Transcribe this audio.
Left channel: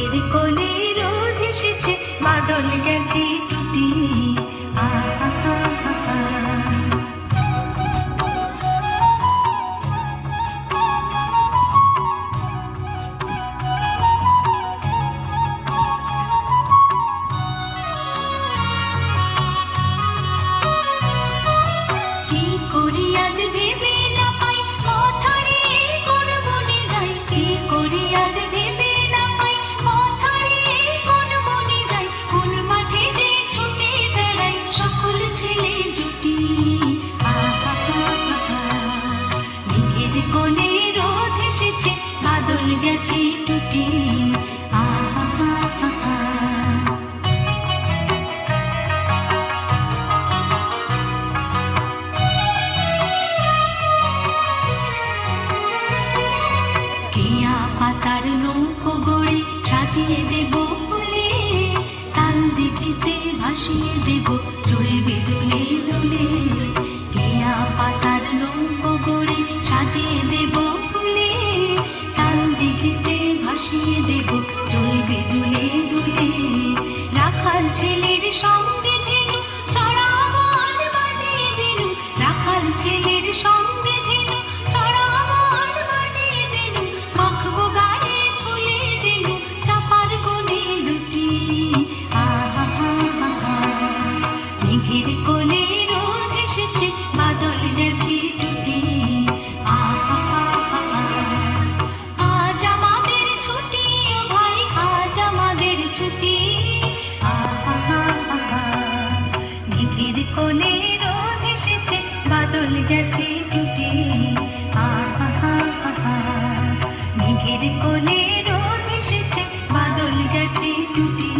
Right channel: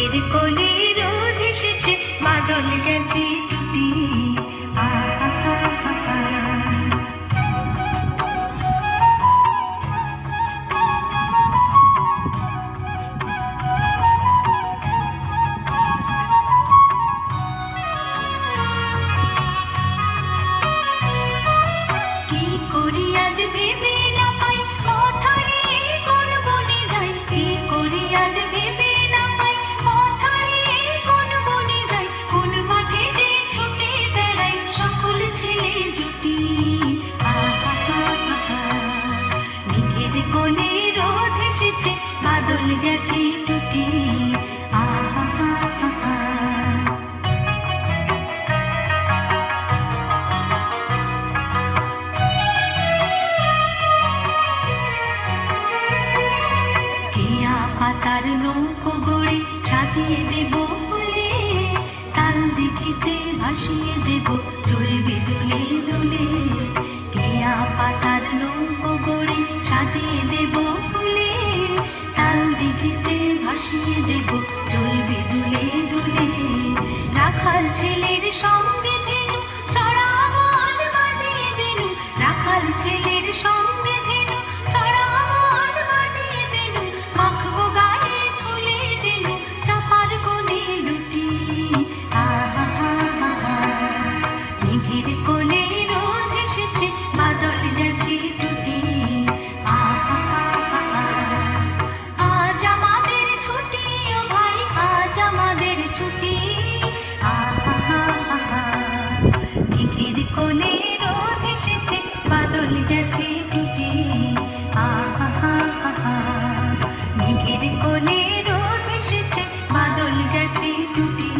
মেঘের কোলে রোদ এসেছে, বাদল গেছে টুটি। কি করি আজ ভেবে না পাই, কথায় কোন বনে যাই। কি করি আজ ভেবে না পাই, কথায় কোন বনে যাই। কোন মাঠে যে ছুটে বেড়াই, সকল ছেলে জুটি। মেঘের কোলে রোদ এসেছে, বাদল গেছে টুটি। কেয়া পাতার নৌকো গড়ে সাজিয়ে দেব ফুলে, তাল দিঘিতে ভাসিয়ে দেব চলবে দুলে দুলে। কেয়া পাতার নৌকো গড়ে সাজিয়ে দেব ফুলে, তাল দিঘিতে ভাসিয়ে দেব চলবে দুলে দুলে। রাখাল ছেলের সঙ্গে ধেনু চড়াবো আর বাজিয়ে দেনু, রাখাল ছেলের সঙ্গে ধেনু চড়াবো আর বাজিয়ে দেনু। মাখবো গায়ে ফুলে দেনু, চাপার কোণে দুটি। মেঘের কোলে রোদ এসেছে, বাদল গেছে টুটি। আজ আমাদের ছুটি ও ভাই, আজ আমাদের ছুটি। মেঘের কোলে রোদ এসেছে, বাদল গেছে টুটি। মেঘের কোলে রোদ এসেছে, বাদল গেছে টুটি।